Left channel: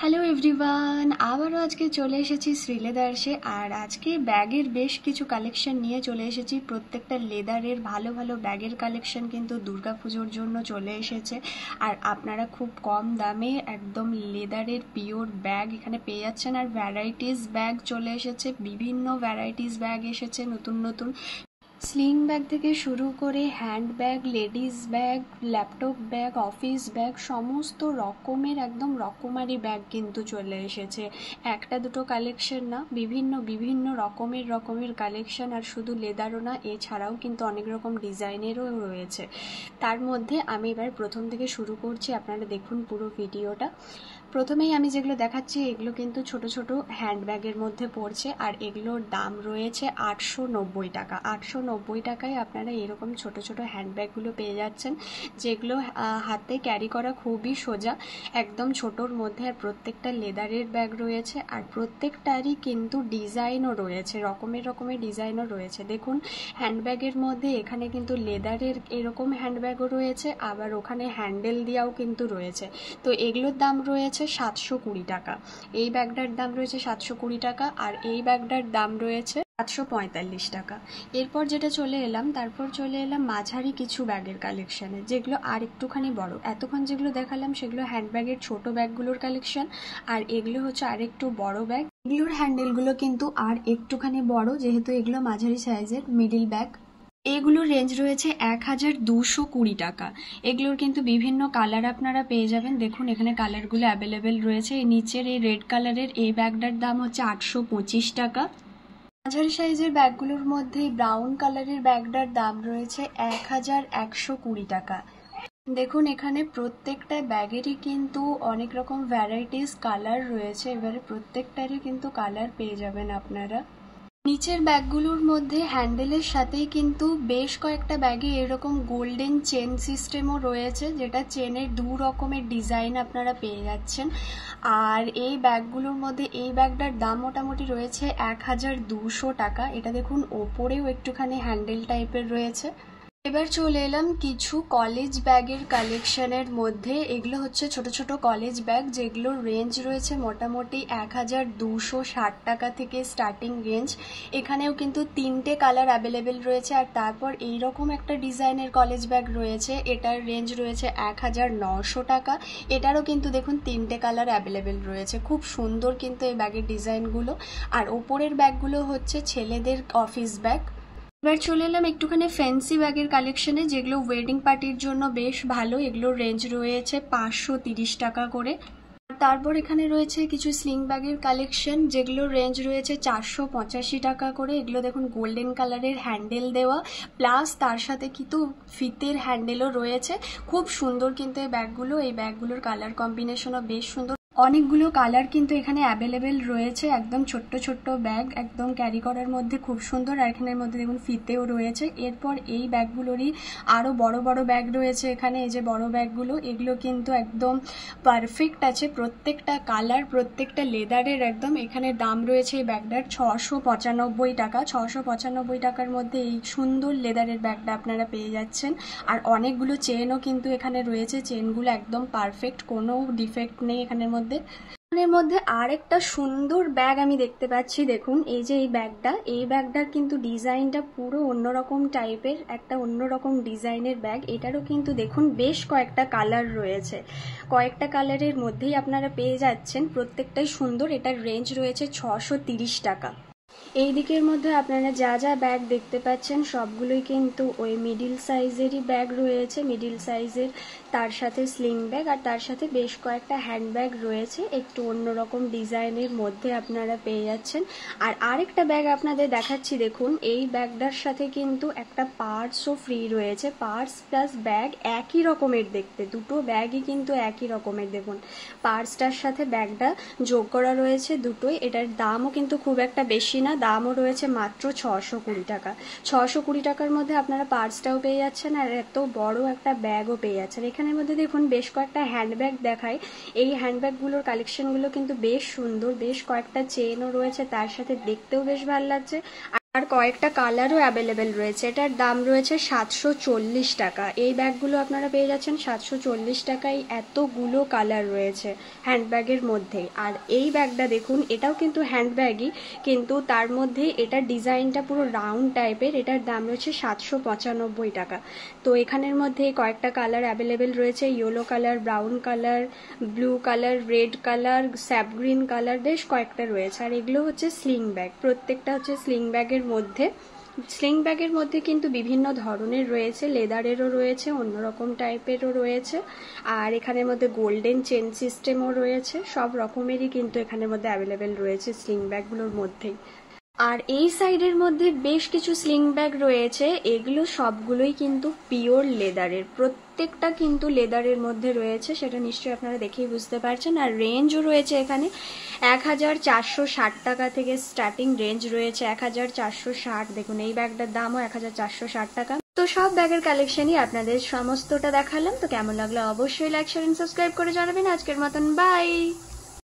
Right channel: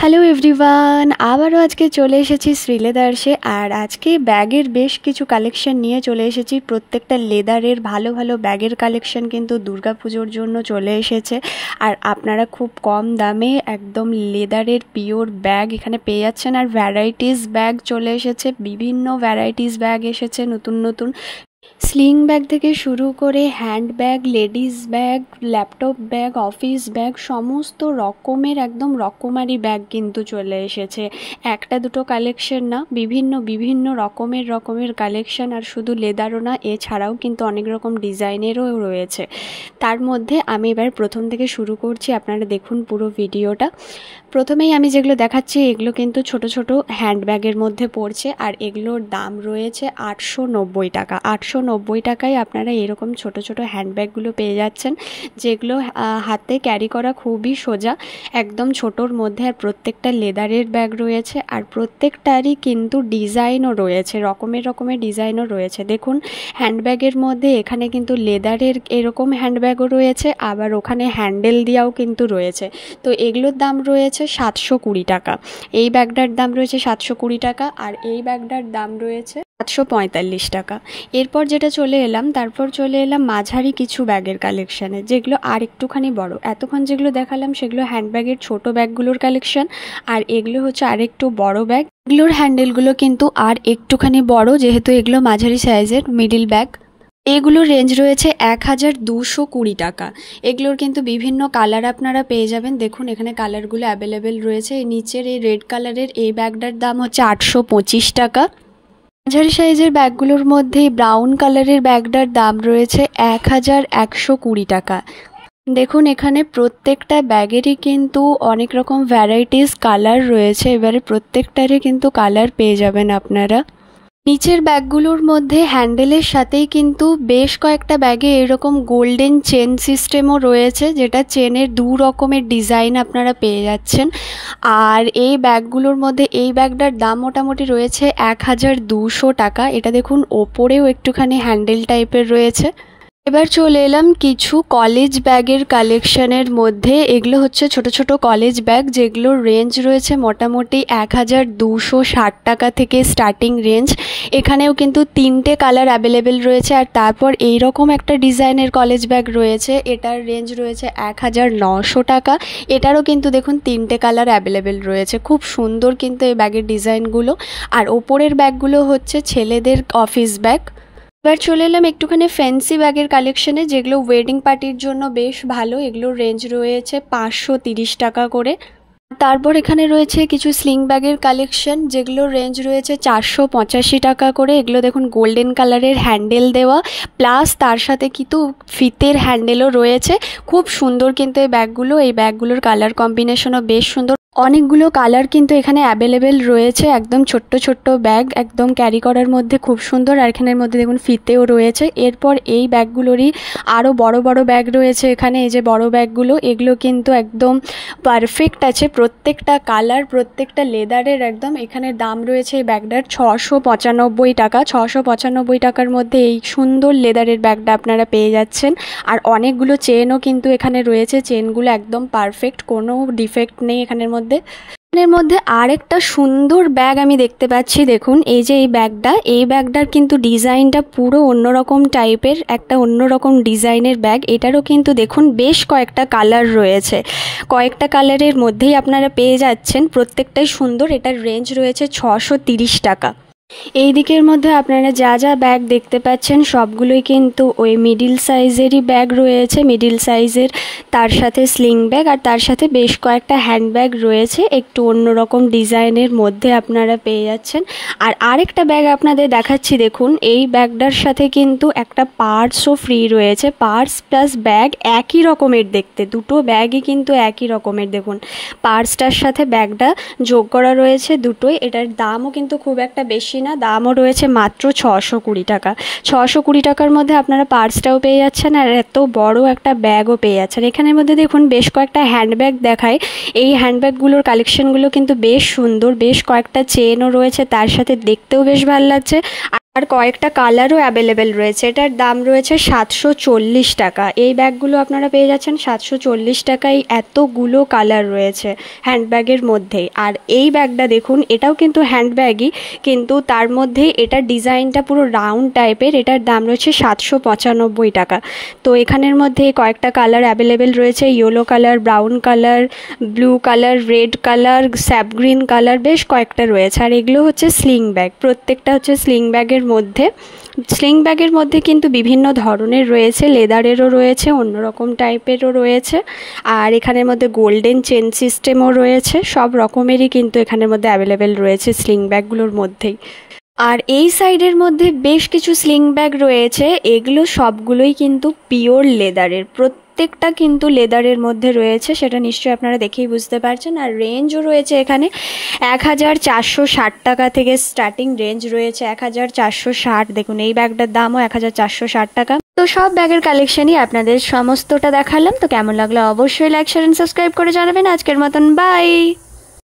Hello everyone, আবারও আজকে চলে এসেছি শ্রীলেদার্সে। আর আজকে ব্যাগের বেশ কিছু কালেকশন নিয়ে চলে এসেছি। প্রত্যেকটা লেদারের ভালো ভালো ব্যাগের কালেকশন কিন্তু দুর্গাপুজোর জন্য চলে এসেছে। আর আপনারা খুব কম দামে একদম লেদারের পিওর ব্যাগ এখানে পেয়ে যাচ্ছেন। আর ভ্যারাইটিস ব্যাগ চলে এসেছে, বিভিন্ন ভ্যারাইটিস ব্যাগ এসেছে নতুন নতুন। স্লিং ব্যাগ থেকে শুরু করে hand bag, ladies bag, laptop bag, office bag, সমস্ত রকমের একদম রকমারি ব্যাগ কিন্তু চলে এসেছে। একটা দুটো কালেকশন না, বিভিন্ন বিভিন্ন রকমের কালেকশন। আর শুধু লেদারও না, এছাড়াও কিন্তু অনেক রকম ডিজাইনেরও রয়েছে। তার মধ্যে আমি এবার প্রথম থেকে শুরু করছি, আপনারা দেখুন পুরো ভিডিওটা। প্রথমেই আমি যেগুলো দেখাচ্ছি এগুলো কিন্তু ছোট ছোট হ্যান্ডব্যাগের মধ্যে পড়ছে। আর এগুলোর দাম রয়েছে 890 টাকা। 890 টাকায় আপনারা এরকম ছোট ছোট হ্যান্ডব্যাগগুলো পেয়ে যাচ্ছেন, যেগুলো হাতে ক্যারি করা খুবই সোজা, একদম ছোটোর মধ্যে। আর প্রত্যেকটা লেদারের ব্যাগ রয়েছে, আর প্রত্যেকটারই কিন্তু ডিজাইনও রয়েছে, রকমের ডিজাইনও রয়েছে। দেখুন হ্যান্ডব্যাগের মধ্যে এখানে কিন্তু লেদারের এরকম হ্যান্ডব্যাগও রয়েছে, আবার ওখানে হ্যান্ডেল দেওয়াও কিন্তু রয়েছে। তো এগুলোর দাম রয়েছে 720 টাকা। এই ব্যাগটার দাম রয়েছে 720 টাকা, আর এই ব্যাগটার দাম রয়েছে 745 টাকা। এরপর যেটা তারপর চলে এলাম মাঝারি কিছু ব্যাগের কালেকশানে, যেগুলো আর একটুখানি বড়। এতক্ষণ যেগুলো দেখালাম সেগুলো হ্যান্ডব্যাগের ছোট ব্যাগগুলোর কালেকশন, আর এগুলো হচ্ছে আর একটু বড় ব্যাগ। এগুলোর হ্যান্ডেলগুলো কিন্তু আর একটুখানি বড়, যেহেতু এগুলো মাঝারি সাইজের মিডিল ব্যাগ। এগুলোর রেঞ্জ রয়েছে 1220 টাকা। এগুলোর কিন্তু বিভিন্ন কালার আপনারা পেয়ে যাবেন। দেখুন এখানে কালারগুলো অ্যাভেলেবেল রয়েছে। এই নিচের এই রেড কালারের এই ব্যাগটার দাম হচ্ছে 825 টাকা। মাঝারি সাইজের ব্যাগগুলোর মধ্যে ব্রাউন কালারের ব্যাগটার দাম রয়েছে 1120 টাকা। দেখুন এখানে প্রত্যেকটা ব্যাগেরই কিন্তু অনেক রকম ভ্যারাইটিস কালার রয়েছে, এবারে প্রত্যেকটারই কিন্তু কালার পেয়ে যাবেন আপনারা। নিচের ব্যাগগুলোর মধ্যে হ্যান্ডেলের সাথেই কিন্তু বেশ কয়েকটা ব্যাগে এরকম গোল্ডেন চেন সিস্টেমও রয়েছে, যেটা চেনের দু রকমের ডিজাইন আপনারা পেয়ে যাচ্ছেন। আর এই ব্যাগগুলোর মধ্যে এই ব্যাগটার দাম মোটামুটি রয়েছে 1200 টাকা। এটা দেখুন ওপরেও একটুখানি হ্যান্ডেল টাইপের রয়েছে। এবার চলে এলাম কিছু কলেজ ব্যাগের কালেকশনের মধ্যে। এগুলো হচ্ছে ছোট ছোট কলেজ ব্যাগ, যেগুলোর রেঞ্জ রয়েছে মোটামুটি 1260 টাকা থেকে স্টার্টিং রেঞ্জ। এখানেও কিন্তু তিনটে কালার অ্যাভেলেবেল রয়েছে। আর তারপর এইরকম একটা ডিজাইনের কলেজ ব্যাগ রয়েছে, এটার রেঞ্জ রয়েছে 1900 টাকা। এটারও কিন্তু দেখুন তিনটে কালার অ্যাভেলেবেল রয়েছে। খুব সুন্দর কিন্তু এই ব্যাগের ডিজাইনগুলো। আর ওপরের ব্যাগগুলো হচ্ছে ছেলেদের অফিস ব্যাগ। এবার চলে এলাম একটুখানি ফ্যান্সি ব্যাগের কালেকশনে, যেগুলো ওয়েডিং পার্টির জন্য বেশ ভালো। এগুলোর রেঞ্জ রয়েছে 530 টাকা করে। তারপর এখানে রয়েছে কিছু স্লিং ব্যাগের কালেকশন, যেগুলোর রেঞ্জ রয়েছে 485 টাকা করে। এগুলো দেখুন গোল্ডেন কালারের হ্যান্ডেল দেওয়া, প্লাস তার সাথে কিন্তু ফিতের হ্যান্ডেলও রয়েছে। খুব সুন্দর কিন্তু এই ব্যাগগুলো, এই ব্যাগগুলোর কালার কম্বিনেশনও বেশ সুন্দর। অনেকগুলো কালার কিন্তু এখানে অ্যাভেলেবেল রয়েছে। একদম ছোট্ট ছোট্ট ব্যাগ, একদম ক্যারি করার মধ্যে খুব সুন্দর। আর এখানের মধ্যে দেখুন ফিতেও রয়েছে। এরপর এই ব্যাগগুলোরই আরও বড় বড় ব্যাগ রয়েছে এখানে। এই যে বড় ব্যাগগুলো, এগুলো কিন্তু একদম পারফেক্ট আছে, প্রত্যেকটা কালার, প্রত্যেকটা লেদারের একদম। এখানে দাম রয়েছে এই ব্যাগটার 695 টাকা। 695 টাকার মধ্যে এই সুন্দর লেদারের ব্যাগটা আপনারা পেয়ে যাচ্ছেন। আর অনেকগুলো চেনও কিন্তু এখানে রয়েছে, চেনগুলো একদম পারফেক্ট, কোনো ডিফেক্ট নেই এখানের মধ্যে। এর মধ্যে আরেকটা সুন্দর ব্যাগ আমি দেখতে পাচ্ছি। দেখুন এই যে এই ব্যাগটার কিন্তু ডিজাইনটা পুরো অন্যরকম টাইপের, একটা অন্যরকম ডিজাইনের ব্যাগ। এটারও কিন্তু দেখুন বেশ কয়েকটা কালার রয়েছে, কয়েকটা কালারের মধ্যেই আপনারা পেয়ে যাচ্ছেন। প্রত্যেকটাই সুন্দর। এটার রেঞ্জ রয়েছে 630 টাকা। এই দিকের মধ্যে আপনারা যা যা ব্যাগ দেখতে পাচ্ছেন সবগুলোই কিন্তু ওই মিডিল সাইজেরই ব্যাগ রয়েছে, মিডিল সাইজের, তার সাথে স্লিং ব্যাগ, আর তার সাথে বেশ কয়েকটা হ্যান্ড ব্যাগ রয়েছে একটু অন্যরকম ডিজাইনের মধ্যে আপনারা পেয়ে যাচ্ছেন। আর আরেকটা ব্যাগ আপনাদের দেখাচ্ছি। দেখুন এই ব্যাগটার সাথে কিন্তু একটা পার্সও ফ্রি রয়েছে। পার্স প্লাস ব্যাগ একই রকমের দেখতে, দুটো ব্যাগই কিন্তু একই রকমের। দেখুন পার্সটার সাথে ব্যাগটা যোগ করা রয়েছে দুটোই। এটার দামও কিন্তু খুব একটা বেশি না, দামও রয়েছে মাত্র 620 টাকা। 620 টাকার মধ্যে আপনারা পার্সটাও পেয়ে যাচ্ছেন, আর এত বড় একটা ব্যাগও পেয়ে যাচ্ছেন। এখানের মধ্যে দেখুন বেশ কয়েকটা হ্যান্ডব্যাগ দেখায়। এই হ্যান্ডব্যাগগুলোর কালেকশনগুলো কিন্তু বেশ সুন্দর, বেশ কয়েকটা চেনও রয়েছে, তার সাথে দেখতেও বেশ ভালো লাগছে। আর কয়েকটা কালারও অ্যাভেলেবেল রয়েছে। এটার দাম রয়েছে 740 টাকা। এই ব্যাগগুলো আপনারা পেয়ে যাচ্ছেন 740 টাকায়। এতগুলো কালার রয়েছে হ্যান্ডব্যাগের মধ্যেই। আর এই ব্যাগটা দেখুন, এটাও কিন্তু হ্যান্ডব্যাগই, কিন্তু তার মধ্যে এটার ডিজাইনটা পুরো রাউন্ড টাইপের। এটার দাম রয়েছে 795 টাকা। তো এখানের মধ্যে কয়েকটা কালার অ্যাভেলেবেল রয়েছে, yellow colour, brown colour, blue colour, red colour, sap green colour, বেশ কয়েকটা রয়েছে। আর এগুলো হচ্ছে স্লিং ব্যাগ, প্রত্যেকটা হচ্ছে স্লিং ব্যাগের মধ্যে। স্লিং ব্যাগের মধ্যে কিন্তু বিভিন্ন ধরনের রয়েছে, লেদারেরও রয়েছে, অন্যরকম টাইপেরও রয়েছে। আর এখানের মধ্যে গোল্ডেন চেন সিস্টেমও রয়েছে। সব রকমেরই কিন্তু এখানের মধ্যে অ্যাভেলেবেল রয়েছে স্লিং ব্যাগগুলোর মধ্যেই। আর এই সাইডের মধ্যে বেশ কিছু স্লিং ব্যাগ রয়েছে, এগুলো সবগুলোই কিন্তু পিওর লেদারের, প্রত্যেকটা কিন্তু লেদারের মধ্যে রয়েছে, সেটা নিশ্চয়ই আপনারা দেখেই বুঝতে পারছেন। আর রেঞ্জও রয়েছে এখানে 1460 টাকা থেকে স্টার্টিং রেঞ্জ রয়েছে, 1460। দেখুন এই ব্যাগটার দামও 1460 টাকা। তো সব ব্যাগের কালেকশনই আপনাদের সমস্তটা দেখালাম। তো কেমন লাগলো অবশ্যই লাইক, শেয়ার এন্ড সাবস্ক্রাইব করে জানাবেন। আজকের মতন বাই।